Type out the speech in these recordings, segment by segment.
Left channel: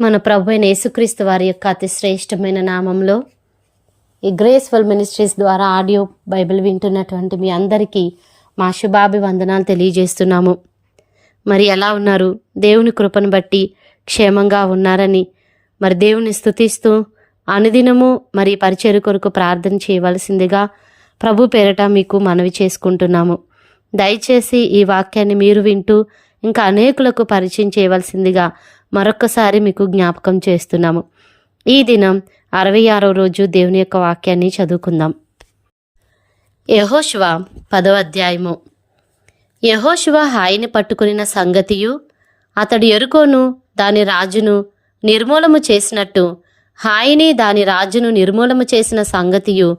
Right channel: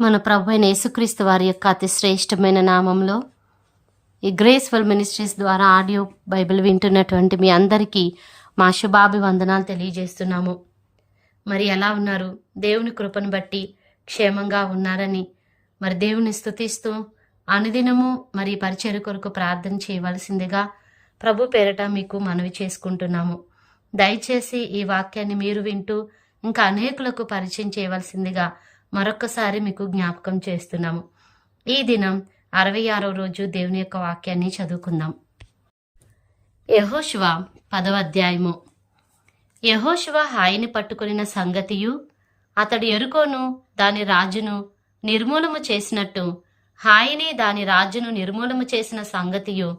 మన ప్రభువైన యేసుక్రీస్తు వారి యొక్క అతి శ్రేష్టమైన నామంలో ఈ గ్రేస్ఫుల్ మినిస్ట్రీస్ ద్వారా ఆడియో బైబిల్ వింటున్నటువంటి మీ అందరికీ మా శుభాభివందనాలు తెలియజేస్తున్నాము. మరి ఎలా ఉన్నారు? దేవుని కృపను బట్టి క్షేమంగా ఉన్నారని మరి దేవుని స్తుతిస్తూ అనుదినము మరి పరిచర్య కొరకు ప్రార్థన చేయవలసిందిగా ప్రభు పేరట మీకు మనవి చేసుకుంటున్నాము. దయచేసి ఈ వాక్యాన్ని మీరు వింటూ ఇంకా అనేకులకు పరిచయం చేయవలసిందిగా మరొక్కసారి మీకు జ్ఞాపకం చేస్తున్నాము. ఈ దినం 66వ రోజు దేవుని యొక్క వాక్యాన్ని చదువుకుందాం. యెహోషువ 10వ అధ్యాయము. యెహోషువ హాయిని పట్టుకునిన సంగతియు అతడు యెరికోను దాని రాజును నిర్మూలము చేసినట్టు హాయిని దాని రాజును నిర్మూలము చేసిన సంగతియు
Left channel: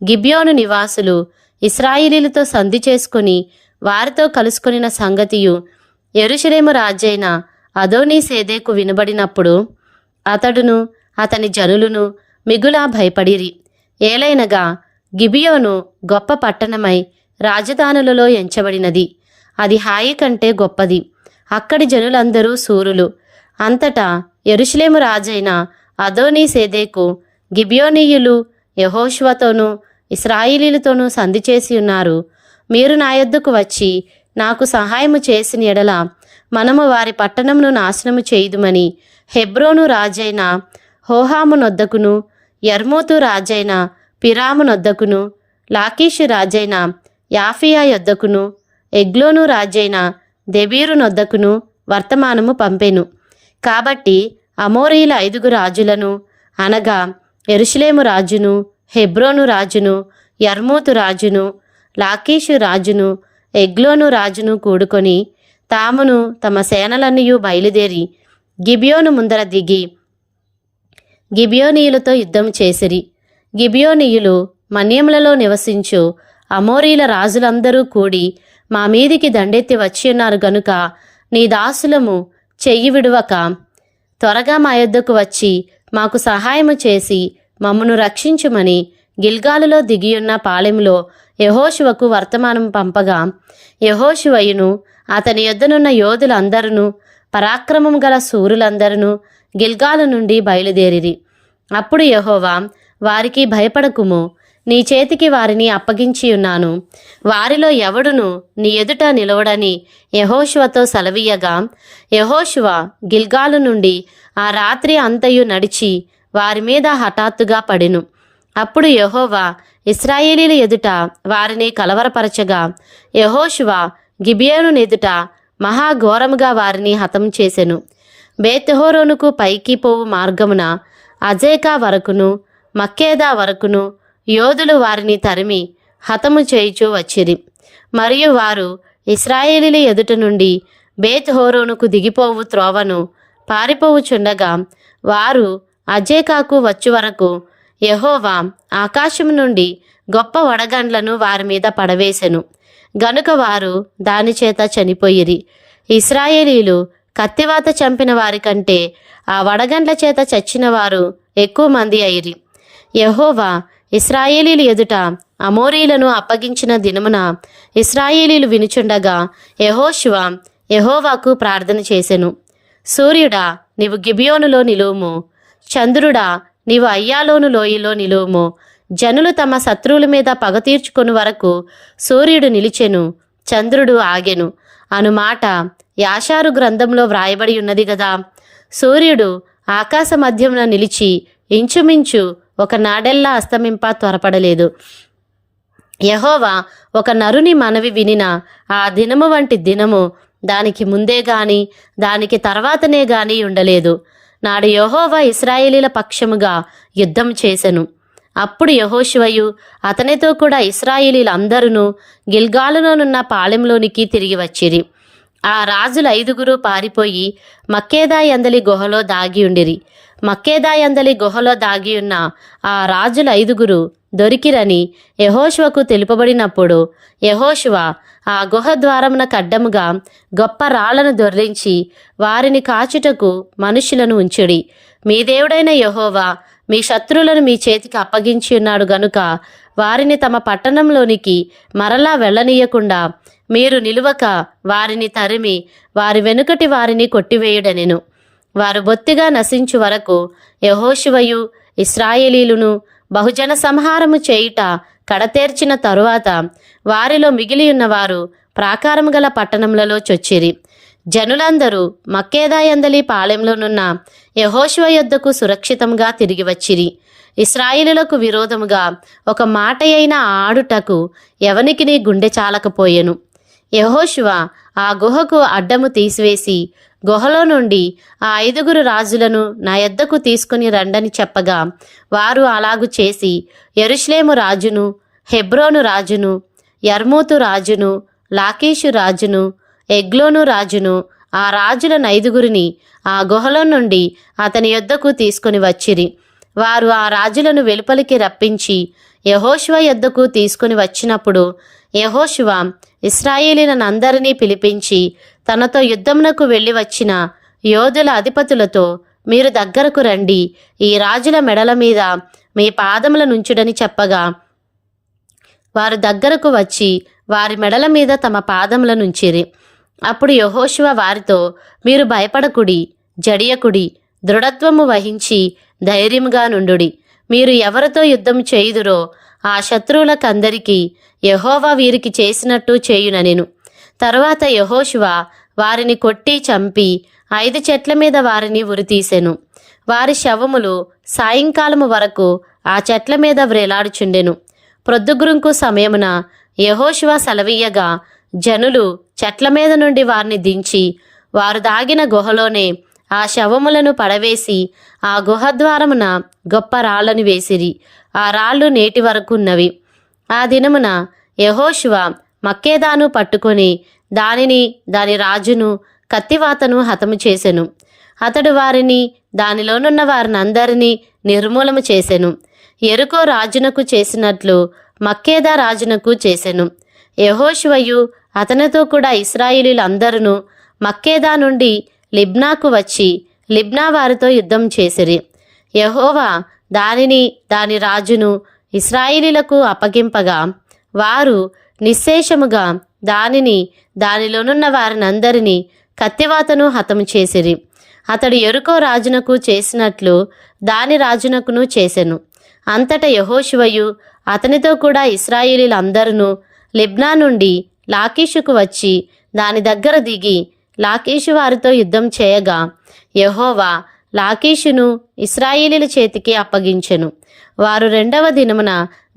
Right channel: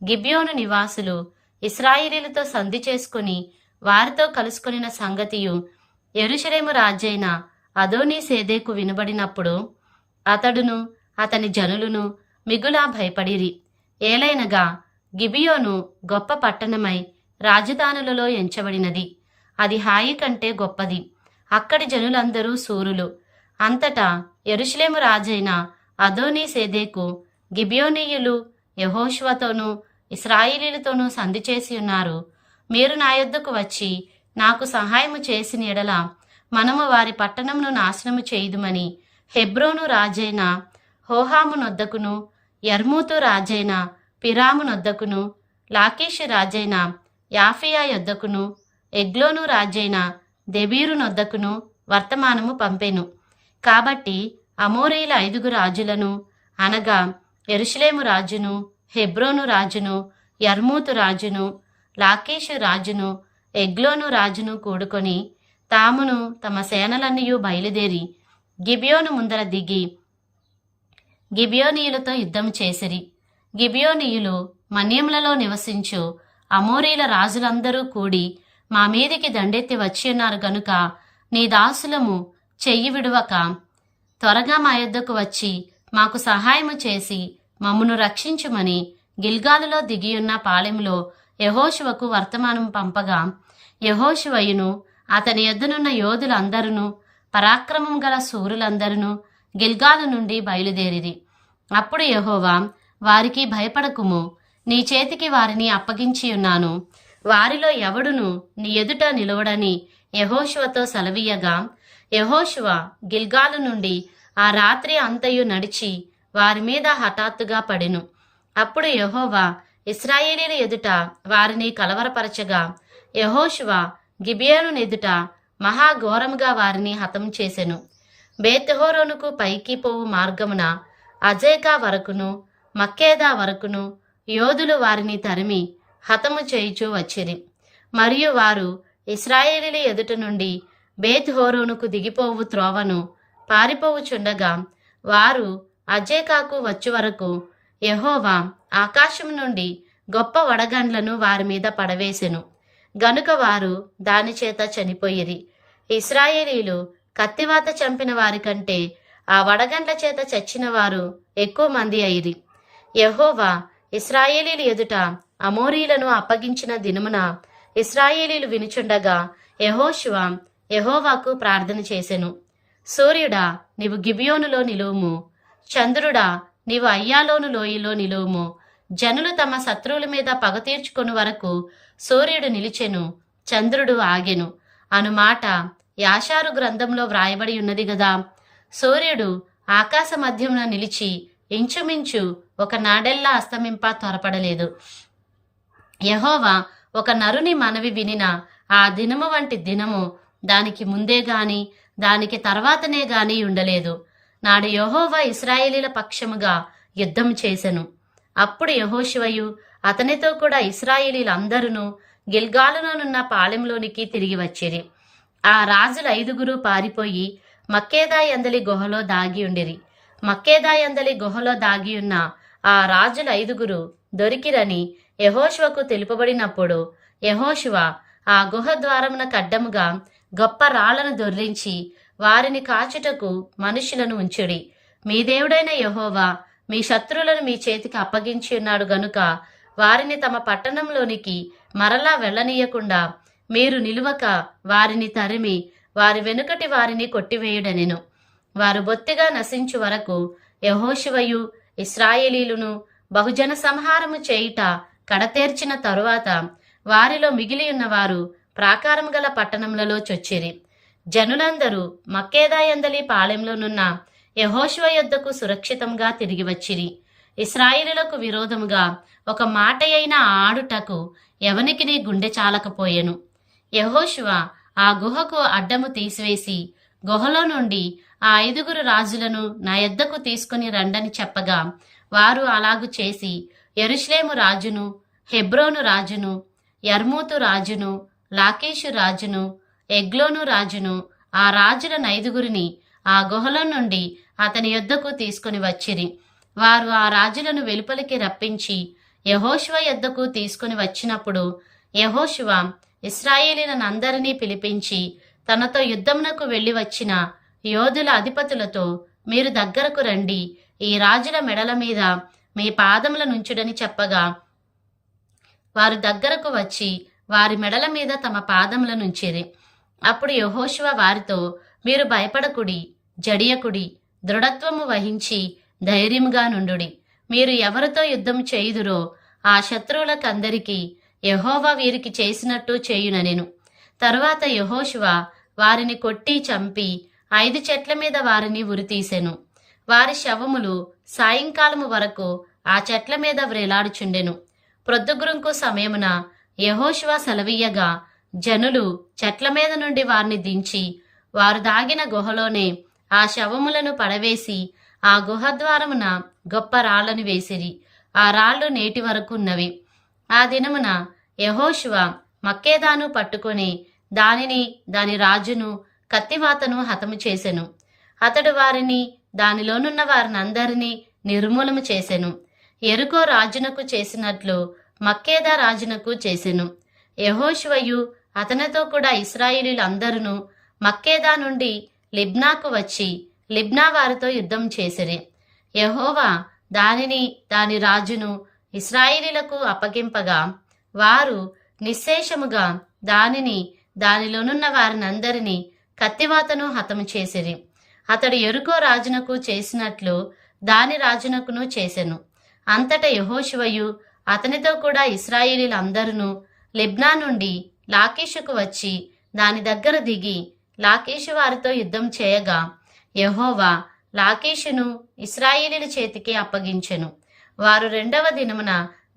గిబియోను నివాసులు ఇశ్రాయేలీలతో సంధి చేసుకుని వారితో కలుసుకొనిన సంగతియు యెరూషలేము రాజైన అదోనీసేదెకు వినబడినప్పుడు అతడును అతని జనులును మిగులా భయపడిరి. ఏలైనగా గిబియోను గొప్ప పట్టణమై రాజధానులలో ఎంచబడినది. అది హాయి కంటే గొప్పది. అక్కడి జనులందరూ శూరులు. అంతటా యెరూషలేము రాజైన అదోనీసేదెకు గిబియోనీయులు యెహోషువతోనూ ఇశ్రాయేలీలతోనూ సంధి చేసి ఉన్నారు. మీరు నా యొద్దకు వచ్చి నాకు సహాయము చేసిన ఎడల మనము వారి పట్టణమును నాశనము చేయుదుమని హెబ్రోను రాజైన హోహాము నొద్దకును యర్మూతు రాజైన పిరాము నొద్దకును లాకీషు రాజైన యాఫియా యొద్దకును ఎగ్లోను రాజైన దెబీరు నొద్దకును వర్తమానము పంపెను. కాబట్టి అమోరీల 5 రాజులను అనగా యెరూషలేము రాజును, హెబ్రోను రాజును, యర్మూతు రాజును, లాకీషు రాజును, ఎగ్లోను రాజును కూడుకొని తామును తమ సేనలన్నయూ బయలుదేరి గిబియోను ముందర దిగి గిబియోనీయులతో యుద్ధం చేసిరి. గిబియోనీయులు మన్యములలో నివసించు అమోరీల రాజులందరూ కూడి మా మీదికి దండెత్తి వచ్చి ఉన్నారు గనుక నీ దాసులము చెయ్యి విడువక త్వరగా మా యొద్దకు వచ్చి మాకు సహాయము చేసి మమ్మను రక్షించుమని గిల్గాలులో దిగియున్న పాళెంలో యెహోషువకు వర్తమానం పంపగా యెహోషువయును అతని యొద్దనున్న యోధులందరూ పరాక్రమం గల శూరులందరూ గిల్గాలు నుండి బయలుదేరిరి. అప్పుడు యెహోవా వారికి భయపడకుము, నీ చేతికి వారిని అప్పగించి ఉన్నాను. వారిలో ఎవడును నీ ఎదుట నిలవడని యెహోషువతో సెలవీయగా యెహోషువ గిల్గాలు నుండి ఆ రాత్రి అంతయు నడిచి వారి మీద హఠాత్తుగా పడెను. అప్పుడు యెహోవా ఇశ్రాయేలీల ఎదుట వారిని కలవరపరచగా యెహోషువ గిబియోను ఎదుట మహాఘోరముగా వారిని హతం చేసెను. బేత్‌హోరోనుకు పైకి పోవు మార్గమున అజేకా వరకును మక్కేదా వరకును యోధులు వారిని తరిమి హతము చేయుచూ వచ్చిరి. మరియు వారు ఇశ్రాయేలీల ఎదుట నుండి బేత్‌హోరోనుకు దిగిపోవు త్రోవను పారిపోవుచుండగా వారు అజేకాకు వచ్చు వరకు యెహోవా ఆకాశము నుండి గొప్ప వడగండ్లను వారి మీద పడవేశెను. గనుక వారు దానిచేత చనిపోయిరి. ఇశ్రాయేలీలు కత్తివాత చంపిన వారి కంటే ఆ వడగండ్ల చేత చచ్చిన వారు ఎక్కువ మంది అయిరి. యెహోవా ఇశ్రాయేలీల ఎదుట అమోరీలను అప్పగించిన దినమున ఇశ్రాయేలీలు వినుచుండగా యెహోషువ యెహోవాకు ప్రార్థన చేసెను. సూర్యుడా, నీవు గిబియోనులో నిలువుము. చంద్రుడా, నీవు అయ్యాలోను లోయలో నిలువుము. జనులు తమ శత్రువుల మీద పగ తీర్చుకొని వరకు సూర్యుడు నిలిచెను, చంద్రుడు ఆగెను అను మాట యాషారు గ్రంథంలో వ్రాయబడి ఉన్నది గదా. సూర్యుడు ఆకాశ మధ్యమున నిలిచి ఇంచుమించు ఒక నాడెల్లా అస్తమింప త్వరపడలేదు. యెహోవా ఒక నరుని మనవి వినిన ఆ దినము వంటి దినము దానికి ముందే గాని దానికి తర్వాతనే గాని ఉండలేదు. నాడు యెహోవా ఇశ్రాయేలీల పక్షముగా యుద్ధం చేసెను. అప్పుడు యెహోషువయు అతనితో కూడా ఇశ్రాయేలీలందరూ గిల్గాలులోనున్న పాళెంలోనికి తిరిగి వచ్చిరి. ఆ రాజులు 5 పారిపోయి మక్కేదా యందలి గుహలో దాగి ఉండిరి. మక్కేదా యందలి గుహలో దాగియున్న ఆ రాజులు 5 దొరికిరని యెహోషువకు తెలుపబడినప్పుడు యెహోషువ ఆ గుహ ద్వారమున కడ్డముగా గొప్ప రాళ్లను దొర్లించి వారిని కాచుటకు మనుషులను ఉంచుడి. మీ దేవుడైన యెహోవా మీ శత్రువులను మీ చేతికి అప్పగించి ఉన్నాడు గనుక వారిని తమ పట్టణంలోనికి మరలా వెళ్ళనీయకుండా మీరు నిలువక వారిని తరిమి వారి వెనుకటి వారిని కొట్టివేయుడనెను. వారు బొత్తిగా నశించు వరకు యెహోషువయు ఇశ్రాయేలీయులను బహుజన సంహారము చేయుట కడతేర్చిన తరువాత వారిలో మిగిలియున్నవారు ప్రాకారము గల పట్టణములలో చొచ్చిరి. జనులందరూ మక్కేదాయందలి పాళెంలోనున్న యెహోషువ యొద్దకు సురక్షితంగా తిరిగి వచ్చిరి. ఇశ్రాయేలులకు విరోధముగా ఒక మాట అయినా ఆడుటకు ఎవనికిని గుండె చాలకపోయెను. యెహోషువ ఆ గుహకు అడ్డము తీసివేసి గుహలో నుండి ఆ 5 రాజులను నా యొద్దకు తీసుకుని రండని చెప్పగా వారు అలాగు చేసి యెరూషలేము రాజును, హెబ్రోను రాజును, యర్మూతు రాజును, లాకీషు రాజును, ఎగ్లోను రాజును, ఆ రాజులను 5 ఆ గుహలో నుండి అతని యొద్దకు తీసుకుని వచ్చిరి. వారు ఆ రాజులను వెలుపలికి రప్పించి యెహోషువ యొద్దకు తీసుకుని వచ్చినప్పుడు యెహోషువ ఇశ్రాయేలీయులందరినీ పిలిపించి తనతో యుద్ధమునకు వెళ్ళి వచ్చిన యోధుల అధిపతులతో, మీరు దగ్గరకు రండి, ఈ రాజుల మెడల మీద మీ పాదములనుంచుడని చెప్పగా వారు దగ్గరకు వచ్చి వారి మెడల మీద తమ పాదములనుంచిరి. అప్పుడు యెహోషువ వారితో, మీరు భయపడకుడి, జడియకుడి, దృఢత్వము వహించి ధైర్యముగా నుండుడి. మీరు ఎవరితో యుద్ధం చేయుదురో ఆ శత్రువులకందరికీ యెహోవా వీరికి చేసినట్టు చేయుననెను. తరువాత యెహోషువ వారిని కొట్టి చంపి 5 చెట్ల మీద వారిని ఉరితీసెను. వారి శవములు సాయంకాలము వరకు ఆ చెట్ల మీద వ్రేలాడుచుండెను. ప్రొద్దుగురుంకు సమయమున యెహోషువ సెలవీయగా జనులు చెట్ల మీద నుండి వారిని దించి వారు దాగిన గుహలోనే ఆ శవములను పడవేసి ఆ గుహద్వారమున గొప్ప రాళ్లను వేసిరి. ఆ రాళ్లు నేటి వరకున్నవి. ఆ దినమున యెహోషువ మక్కేదాను పట్టుకొని దానిని, దాని రాజును, కత్తివాతను హతము చేసెను. అతడు వారిని, దానిలోనున్న వారినందరినీ నిర్మూలము చేసెను. యెరికో రాజునకు చేసినట్లు మక్కేదా రాజునకు చేసెను. యెహోషువయు అతనితో కూడా ఇశ్రాయేలీయులందరూ మక్కేదా నుండి లిబ్నాకు వచ్చి లిబ్నా వారితో యుద్ధం చేసిరి. యెహోవా దానిని, దాని రాజును ఇశ్రాయేలీయులకు అప్పగింపగా వారు నిశ్శేషముగా దానిని, దానిలోనున్న వారినందరినీ కత్తివాతను హతము చేసిరి. అతడు యెరికో రాజునకు చేసినట్లు దాని రాజునకును చేసెను. అంతటా యెహోషువయు అతనితో కూడా ఇశ్రాయేలీయులందరూ లిబ్నా నుండి లాకీషుకు వచ్చి దాని దగ్గర దిగి లాకీషు వారితో యుద్ధం చేయగా యెహోవా లాకీషును ఇశ్రాయేలీయుల చేతికి అప్పగించెను. వారు 2వ దినమున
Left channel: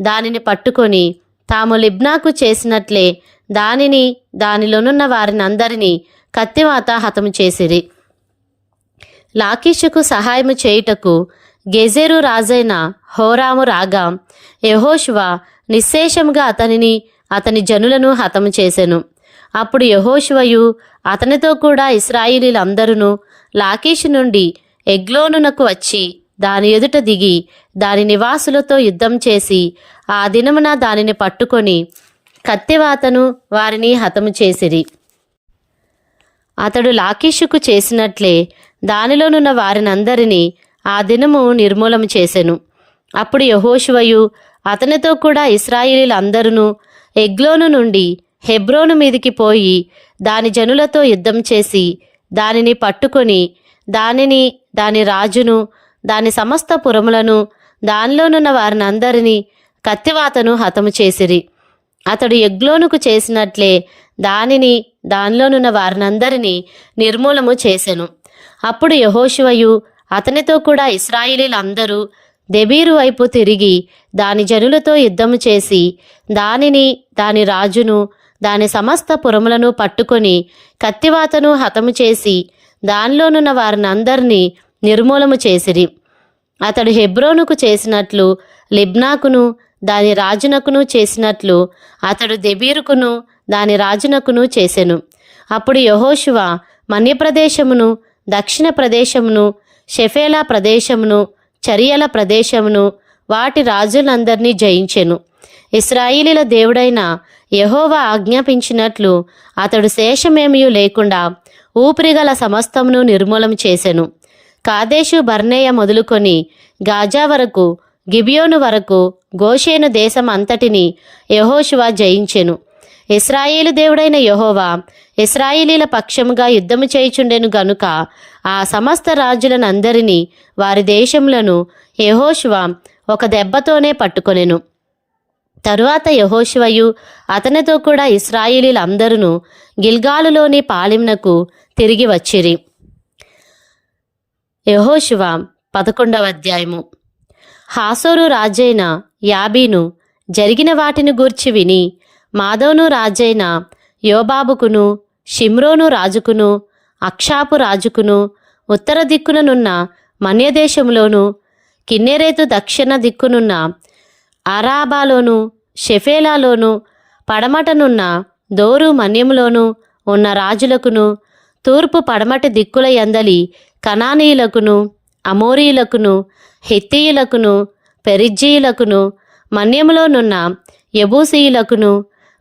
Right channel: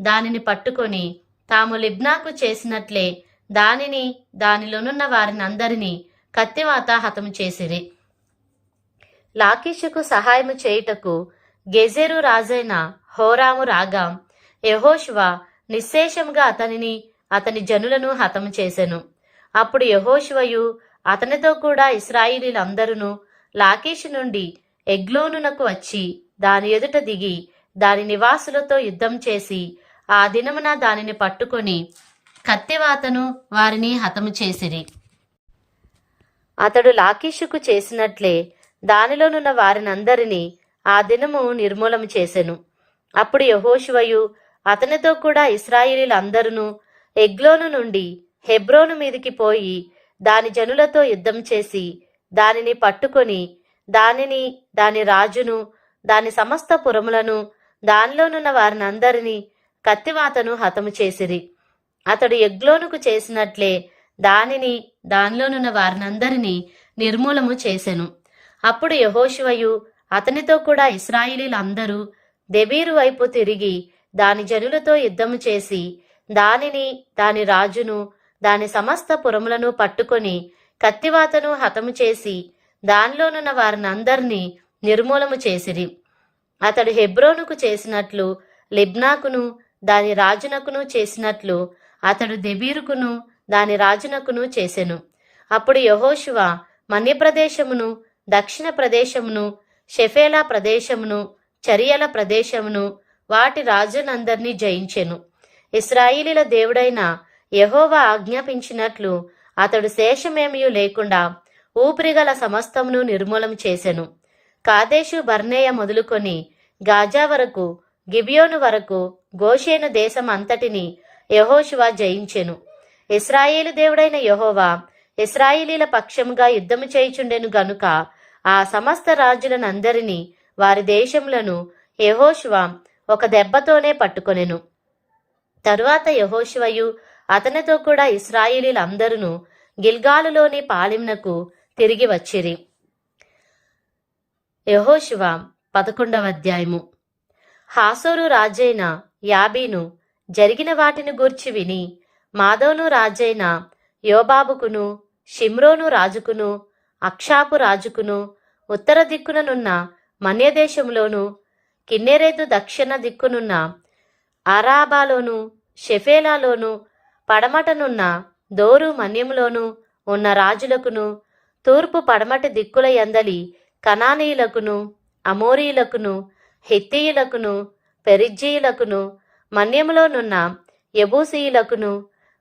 దానిని పట్టుకొని తాము లిబ్నాకు చేసినట్లే దానిని, దానిలోనున్న వారినందరినీ కత్తివాత హతము చేసిరి. లాకీషుకు సహాయము చేయుటకు గెజెరు రాజైన హోరాము రాగా యెహోషువ నిశ్శేషముగా అతనిని, అతని జనులను హతము చేసెను. అప్పుడు యెహోషువయు అతనితో కూడా ఇశ్రాయేలీయులందరూ లాకీషు నుండి ఎగ్లోనునకు వచ్చి దాని ఎదుట దిగి దాని నివాసులతో యుద్ధం చేసి ఆ దినమున దానిని పట్టుకొని కత్తివాతను వారిని హతము చేసిరి. అతడు లాకీషుకు చేసినట్లే దానిలోనున్న వారినందరినీ ఆ దినము నిర్మూలము చేసెను. అప్పుడు యెహోషువయు అతనితో కూడా ఇశ్రాయేలీయులందరూ ఎగ్లోను నుండి హెబ్రోను మీదికి పోయి దాని జనులతో యుద్ధం చేసి దానిని పట్టుకొని దానిని, దాని రాజును, దాని సమస్త పురములను, దానిలోనున్న వారినందరినీ కత్తివాతను హతము చేసిరి. అతడు ఎగ్లోనుకు చేసినట్లే దానిని, దానిలోనున్న వారినందరినీ నిర్మూలము చేసెను. అప్పుడు యెహోషువయు అతనితో కూడా ఇశ్రాయేలీయులందరూ దెబీరు వైపు తిరిగి దాని జనులతో యుద్ధము చేసి దానిని, దాని రాజును, దాని సమస్త పురములను పట్టుకొని కత్తివాతను హతము చేసి దానిలోనున్న వారినందరినీ నిర్మూలము చేసిరి. అతడు హెబ్రోనుకు చేసినట్లు లిబ్నాకును, దాని రాజునకును చేసినట్లు అతడు దెబీరుకును, దాని రాజునకును చేసెను. అప్పుడు యెహోషువ మన్యప్రదేశమును, దక్షిణ ప్రదేశమును, షెఫేలా ప్రదేశమును, చరియల ప్రదేశమును, వాటి రాజులందరినీ జయించెను. ఇశ్రాయేలీయుల దేవుడైన యెహోవా ఆజ్ఞాపించినట్లు అతడు శేషమేమీ లేకుండా ఊపిరిగల సమస్తమును నిర్మూలము చేసెను. కాదేశు బర్నేయ మొదలుకొని గాజా వరకు, గిబియోను వరకు గోషేను దేశం అంతటిని యెహోషువ జయించెను. ఇశ్రాయేలు దేవుడైన యెహోవా ఇశ్రాయేలీల పక్షముగా యుద్ధము చేయుచుండెను గనుక ఆ సమస్త రాజులనందరినీ వారి దేశములను యెహోషువ ఒక దెబ్బతోనే పట్టుకొనెను. తరువాత యెహోషువయు అతనితో కూడా ఇశ్రాయేలీలందరూ గిల్గాలులోని పాళెమునకు తిరిగి వచ్చిరి. యెహోషువ 11వ అధ్యాయము. హాసోరు రాజైన యాబీను జరిగిన వాటిని గూర్చి విని మాదోను రాజైన యోబాబుకును షిమ్రోను రాజుకును అక్షాపు రాజుకును ఉత్తర దిక్కుననున్న మన్యదేశంలోను కిన్నెరేతు దక్షిణ దిక్కునున్న అరాబాలోను షెఫేలాలోను పడమటనున్న దోరు మన్యములోను ఉన్న రాజులకును తూర్పు పడమటి దిక్కుల యందలి కనానీయులకును అమోరీయులకును హిత్తీయులకును పెరిజ్జీయులకును మన్యములోనున్న యెబూసీయులకును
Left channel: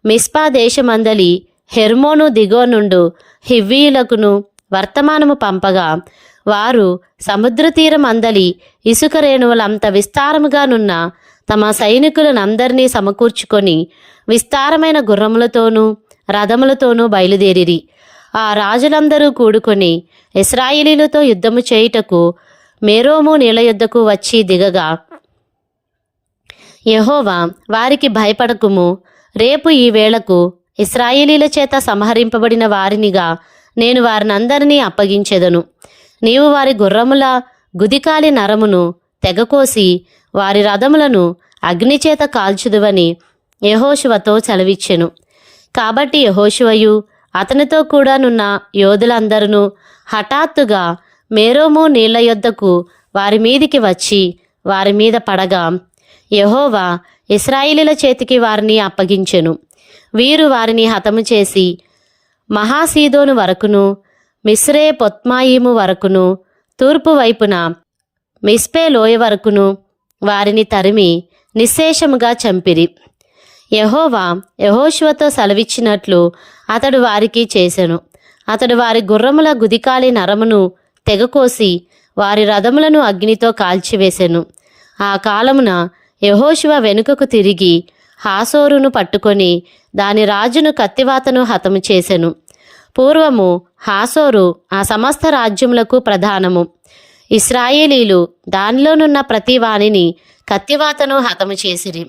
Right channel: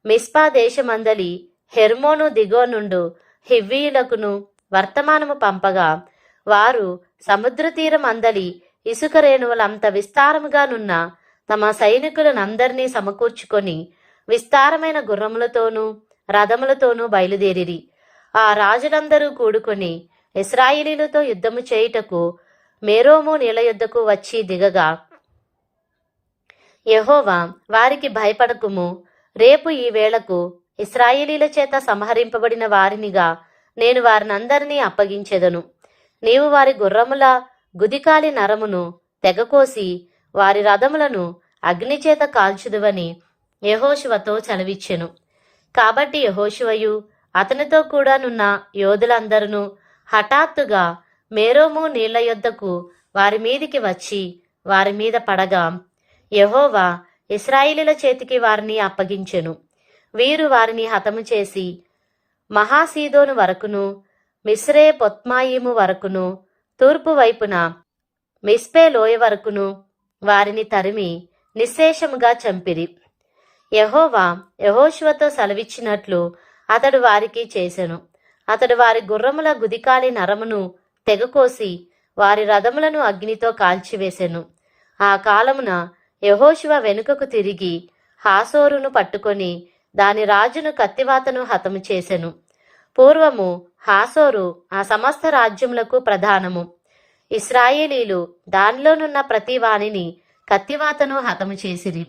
మిస్పా దేశమందలి హెర్మోను దిగువ నుండు హివ్వీయులకును వర్తమానము పంపగా వారు సముద్ర తీరం అందలి ఇసుక రేణువులంత విస్తారముగానున్న తమ సైనికులనందరినీ సమకూర్చుకొని విస్తారమైన గుర్రములతోనూ రథములతోనూ బయలుదేరిరి. ఆ రాజులందరూ కూడుకొని ఇశ్రాయేలీలతో యుద్ధము చేయుటకు మేరోము నీళ్ల యొద్దకు వచ్చి దిగగా యెహోవా వారికి భయపడకుము, రేపు ఈ వేళకు ఇశ్రాయేలీల చేత సంహరింపబడిన వారినిగా నేను వారినందరినీ అప్పగించెదను. నీవు వారి గుర్రముల గుదికాలి నరమును తెగకోసి వారి రథములను అగ్నిచేత కాల్చుదువని యెహోషువతో సెలవిచ్చెను. కాబట్టి యెహోషువయు అతనితో కూడానున్న యోధులందరూ హఠాత్తుగా మేరోము నీళ్ల యొద్దకు వారి మీదికి వచ్చి వారి మీద పడగా యెహోవా ఇశ్రాయేలీల చేతికి వారిని అప్పగించెను. వీరు వారిని హతము చేసి మహాసీదోను వరకును మిస్రే పొత్మాయిము వరకును తూర్పు వైపున మిస్పే లోయ వరకును వారిని తరిమి నిశ్శేషముగా చంపిరి. యెహోవా యెహోషువతో సెలవిచ్చినట్లు అతడు వారికి చేసెను. అతడు వారి గుర్రముల గుదికాలి నరమును తెగకోసి వారి రథములను అగ్నితో కాల్చివేసెను. ఆ కాలమున యెహోషువ వెనుకకు తిరిగి హాసోరును పట్టుకొని దాని రాజును కత్తివాతను హతము చేసెను. పూర్వము హాసోరు ఆ సమస్త రాజ్యములకు ప్రధానము. ఇశ్రాయేలీలు దానిలోనున్న ప్రతి వానిని కత్తివాతను హతము చేసిరి.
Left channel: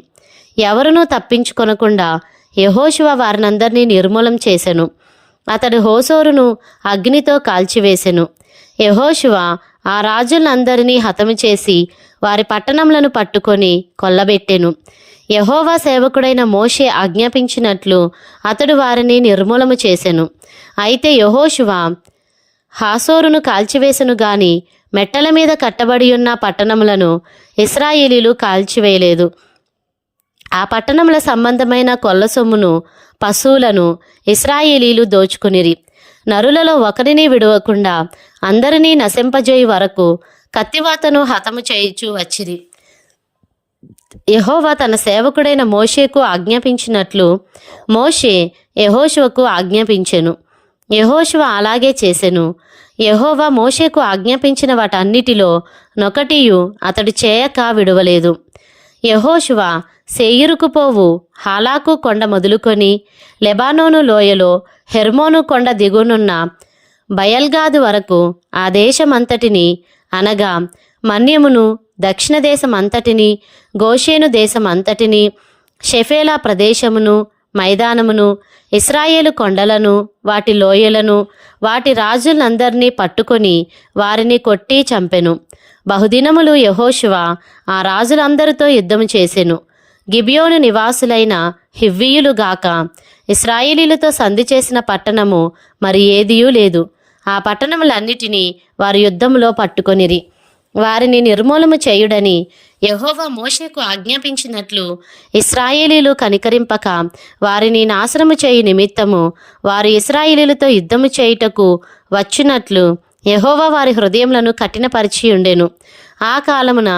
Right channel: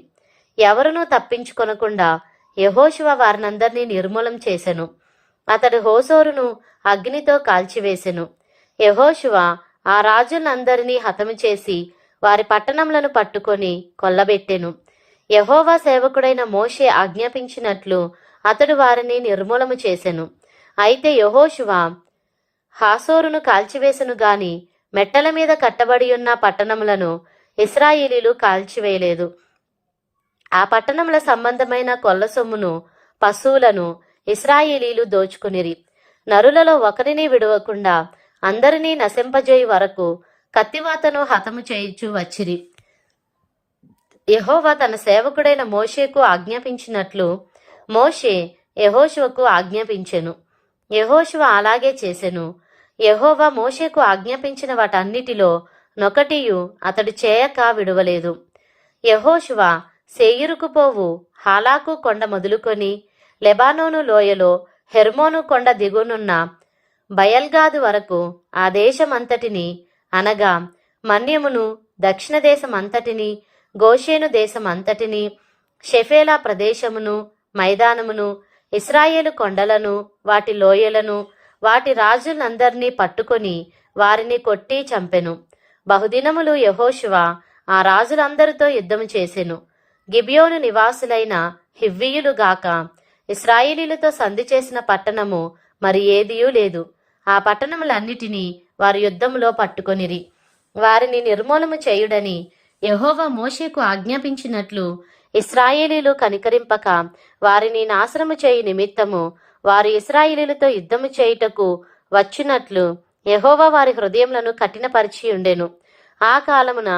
ఎవరునూ తప్పించుకొనకుండా యెహోషువ వారినందరినీ నిర్మూలం చేసెను. అతడు హోసోరును అగ్నితో కాల్చివేసెను. యెహోషువ ఆ రాజులందరినీ హతము చేసి వారి పట్టణములను పట్టుకొని కొల్లబెట్టెను. యెహోవా సేవకుడైన మోషే ఆజ్ఞాపించినట్లు అతడు వారిని నిర్మూలము చేసెను. అయితే యెహోషువ హాసోరును కాల్చివేసెను గాని మెట్టల మీద కట్టబడి ఉన్న పట్టణములను ఇశ్రాయేలీలు కాల్చివేయలేదు. ఆ పట్టణముల సంబంధమైన కొల్ల సొమ్మును పశువులను ఇశ్రాయేలీలు దోచుకునిరి. నరులలో ఒకరిని విడవకుండా అందరినీ నశింపజేయి వరకు కత్తివాతను హతము చేయుచూ వచ్చిరి. యెహోవా తన సేవకుడైన మోషేకు ఆజ్ఞాపించినట్లు మోషే యెహోషువకు ఆజ్ఞాపించెను. యెహోషువ అలాగే చేసెను. యెహోవా మోషేకు ఆజ్ఞాపించిన వాటన్నిటిలో నొకటియు అతడు చేయక విడువలేదు. యెహోషువ శేయీరుకు పోవు హాలాకు కొండ మొదలుకొని లెబానోను లోయలో హెర్మోను కొండ దిగునున్న బయల్గాదు వరకు ఆ దేశమంతటిని అనగా మన్యమును దక్షిణ దేశమంతటిని గోషేను దేశమంతటిని షెఫేలా ప్రదేశమును మైదానమును ఇశ్రాయేలు కొండలను వాటి లోయలను వాటి రాజులందరినీ పట్టుకొని వారిని కొట్టి చంపెను. బహుదినములు యెహోషువ ఆ రాజులందరితో యుద్ధము చేసెను. గిబియోను నివాసులైన హివ్వీయులుగాక ఇశ్రాయేలీలతో సంధి చేసిన పట్టణము మరి ఏదియూ లేదు. ఆ పట్టణములన్నిటినీ వారు యుద్ధములో పట్టుకొనిరి. వారిని నిర్మూలము చేయుడని యెహోవా మోషేకు ఆజ్ఞాపించినట్లు ఇశ్రాయేలీలు కనికరింపక వారిని నాశనము చేయు నిమిత్తము వారు ఇశ్రాయేలీలతో యుద్ధము చేయుటకు వచ్చినట్లు యెహోవా వారి హృదయములను కఠినపరిచి ఉండెను. ఆ కాలమున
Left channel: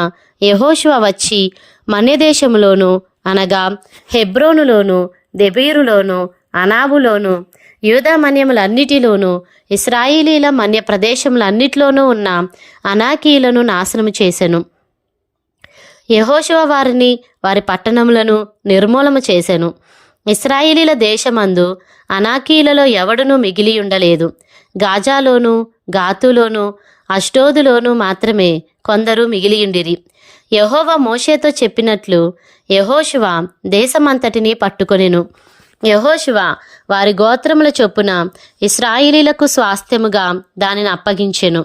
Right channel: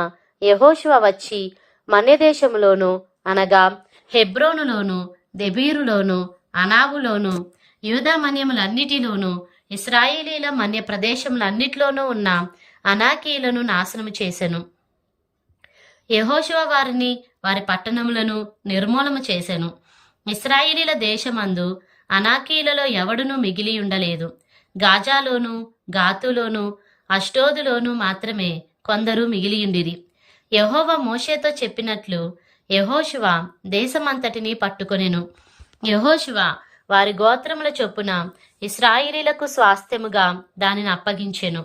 యెహోషువ వచ్చి మన్యదేశములోను అనగా హెబ్రోనులోను దెబీరులోను అనాబులోను యూదా మన్యములన్నిటిలోనూ ఇశ్రాయేలీల మన్య ప్రదేశములన్నిటిలోనూ ఉన్న అనాకీయులను నాశనము చేసెను. యెహోషువ వారిని వారి పట్టణములను నిర్మూలము చేసెను. ఇశ్రాయేలీల దేశమందు అనాకీలలో ఎవడునూ మిగిలియుండలేదు. గాజాలోను, గాతులోను, అష్డోదులోను మాత్రమే కొందరు మిగిలియుండిరి. యెహోవా మోషేతో చెప్పినట్లు యెహోషువ దేశమంతటినీ పట్టుకొనెను. యెహోషువ వారి గోత్రముల చొప్పున ఇశ్రాయేలీలకు స్వాస్థ్యముగా దానిని అప్పగించెను.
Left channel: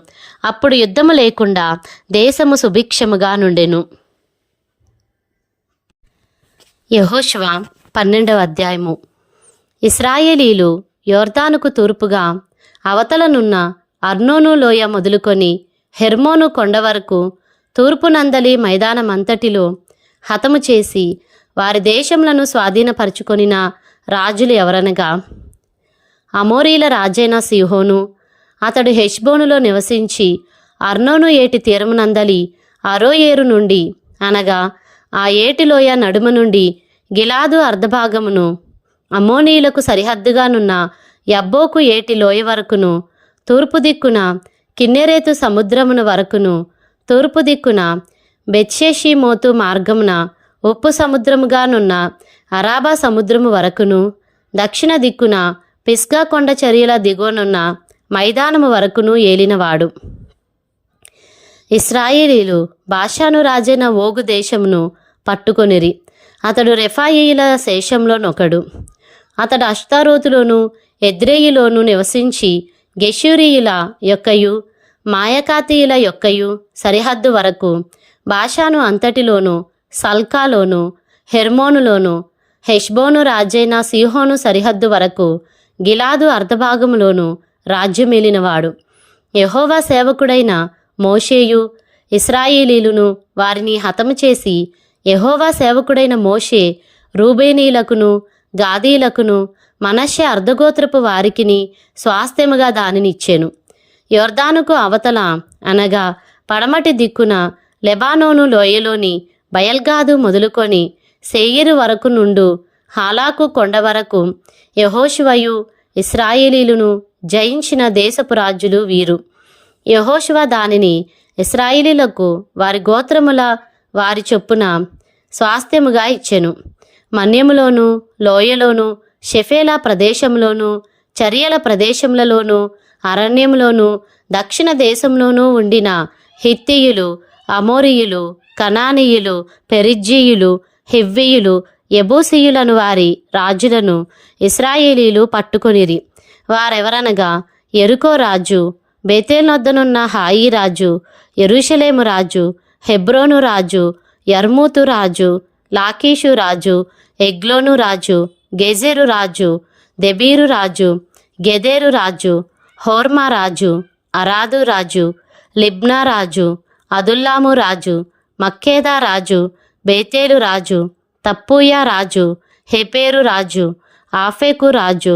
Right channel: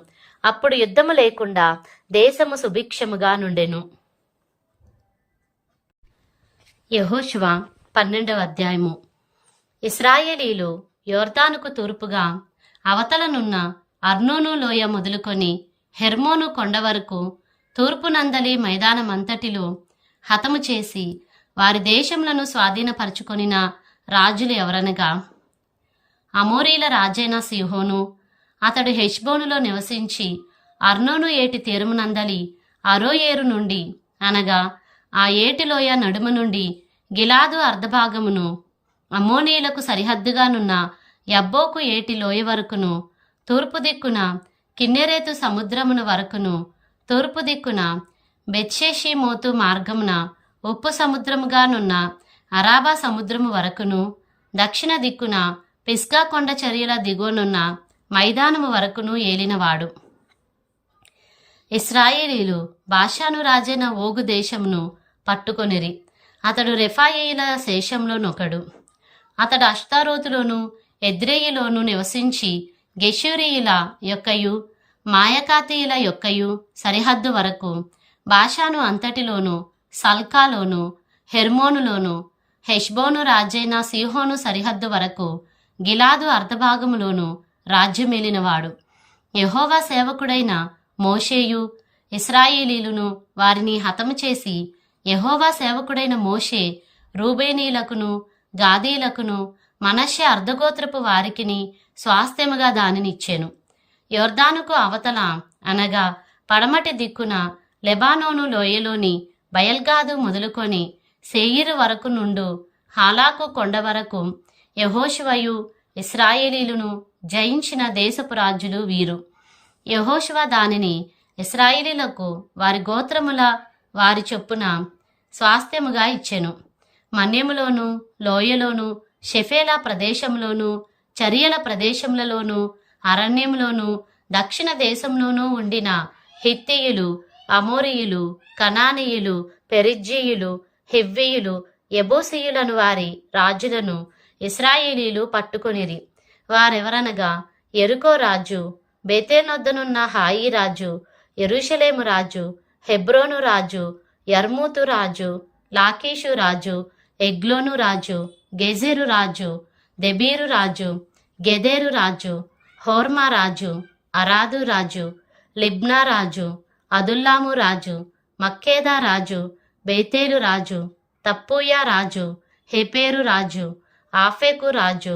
అప్పుడు యుద్ధము లేకుండా దేశము సుభిక్షముగా నుండెను. యెహోషువ 12వ అధ్యాయము. ఇశ్రాయేలీలు యోర్దానుకు తూర్పుగా అవతలనున్న అర్నోను లోయ మొదలుకొని హెర్మోను కొండ వరకు తూర్పునందలి మైదానమంతటిలో హతము చేసి వారి దేశములను స్వాధీనపరుచుకొనిన రాజులు ఎవరనగా, అమోరీల రాజైన సీహోను. అతడు హెష్బోనులో నివసించి అర్నోను ఏటి తీరమునందలి అరోయేరు నుండి అనగా ఆ ఏటిలోయ నడుమ నుండి గిలాదు అర్ధభాగమును, అమ్మోనీయులకు సరిహద్దుగానున్న యబ్బోకు ఏటి లోయ వరకును, తూర్పు దిక్కున కిన్నెరేతు సముద్రమును వరకును, తూర్పు దిక్కున బెత్షెషీమోతు మార్గమున ఉప్పు సముద్రముగానున్న అరాబా సముద్రము వరకును, దక్షిణ దిక్కున పిస్గా కొండ చర్యల దిగువనున్న మైదానము వరకును ఏలినవాడు. ఇశ్రాయేలీలు బాషాను రాజైన ఓగు దేశమును పట్టుకొనిరి. అతడు రెఫాయీయుల శేషంలోనొకడు. అతడు అష్తారోతులోను ఎద్రేయిలోను నివసించి గెషూరీయుల యొక్కయు మాయకాతీయుల యొక్కయు సరిహద్దు వరకు బాషాను అంతటిలోను సల్కాలోను హెర్మోనులోను హెష్బోను రాజైన సీహోను సరిహద్దు వరకు గిలాదు అర్ధభాగములోను రాజ్యమేలినవాడు. యెహోవా సేవకుడైన మోషేయు ఇశ్రాయేలీలును వారిని హతము చేసి యెహోవా సేవకుడైన మోషే రూబేనీలకును గాదీలకును మనష్షే అర్ధగోత్రపు వారికిని స్వాస్థ్యముగా దానినిచ్చెను. యొర్దానుకు అవతల అనగా పడమటి దిక్కున లెబానోను లోయలోని బయల్గాదు మొదలుకొని శేయీరు వరకు నుండు హాలాకు కొండ వరకు యెహోషువయు ఇశ్రాయేలీలును జయించిన దేశపు రాజులు వీరు. యెహోషువ దానిని ఇశ్రాయేలీలకు వారి గోత్రముల వారి చొప్పున స్వాస్థ్యముగా ఇచ్చెను. మన్యములోను లోయలోను షెఫేలా ప్రదేశంలోను చరియల ప్రదేశములలోను అరణ్యములోను దక్షిణ దేశంలోనూ ఉండిన హిత్తీయులు, అమోరీయులు, కనానీయులు, పెరిజ్జీయులు, హివ్వీయులు, యెబూసీయులను వారి రాజులను ఇశ్రాయేలీలు పట్టుకొనిరి. వారెవరనగా యెరికో రాజు, బేతేలొద్దనున్న హాయి రాజు, యెరూషలేము రాజు, హెబ్రోను రాజు, యర్మూతు రాజు, లాకీషు రాజు, ఎగ్లోను రాజు, గెజెరు రాజు, దెబీరు రాజు, గెదెరు రాజు, హోర్మా రాజు, అరాదు రాజు, లిబ్నా రాజు, అదుల్లాము రాజు, మక్కేదా రాజు, బేతేలు రాజు, తప్పూయా రాజు, హెపేరు రాజు, ఆఫెకు రాజు,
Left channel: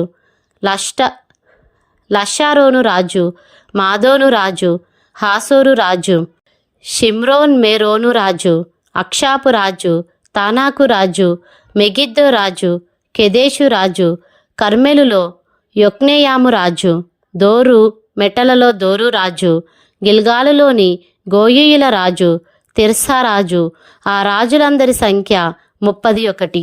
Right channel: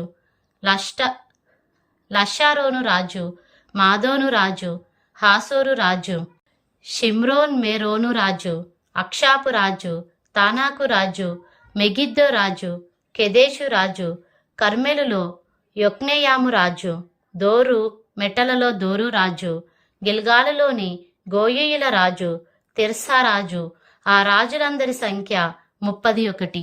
లషారోను రాజు, మాదోను రాజు, హాసోరు రాజు, షిమ్రోన్ మేరోను రాజు, అక్షాపు రాజు, తానాకు రాజు, మెగిద్దో రాజు, కెదేషు రాజు, కర్మెలులో యొక్నెయాము రాజు, దోరు మెటలలో దోరు రాజు, గిల్గాలులోని గోయీయుల రాజు, తిర్సా రాజు. ఆ రాజులందరి సంఖ్య 31.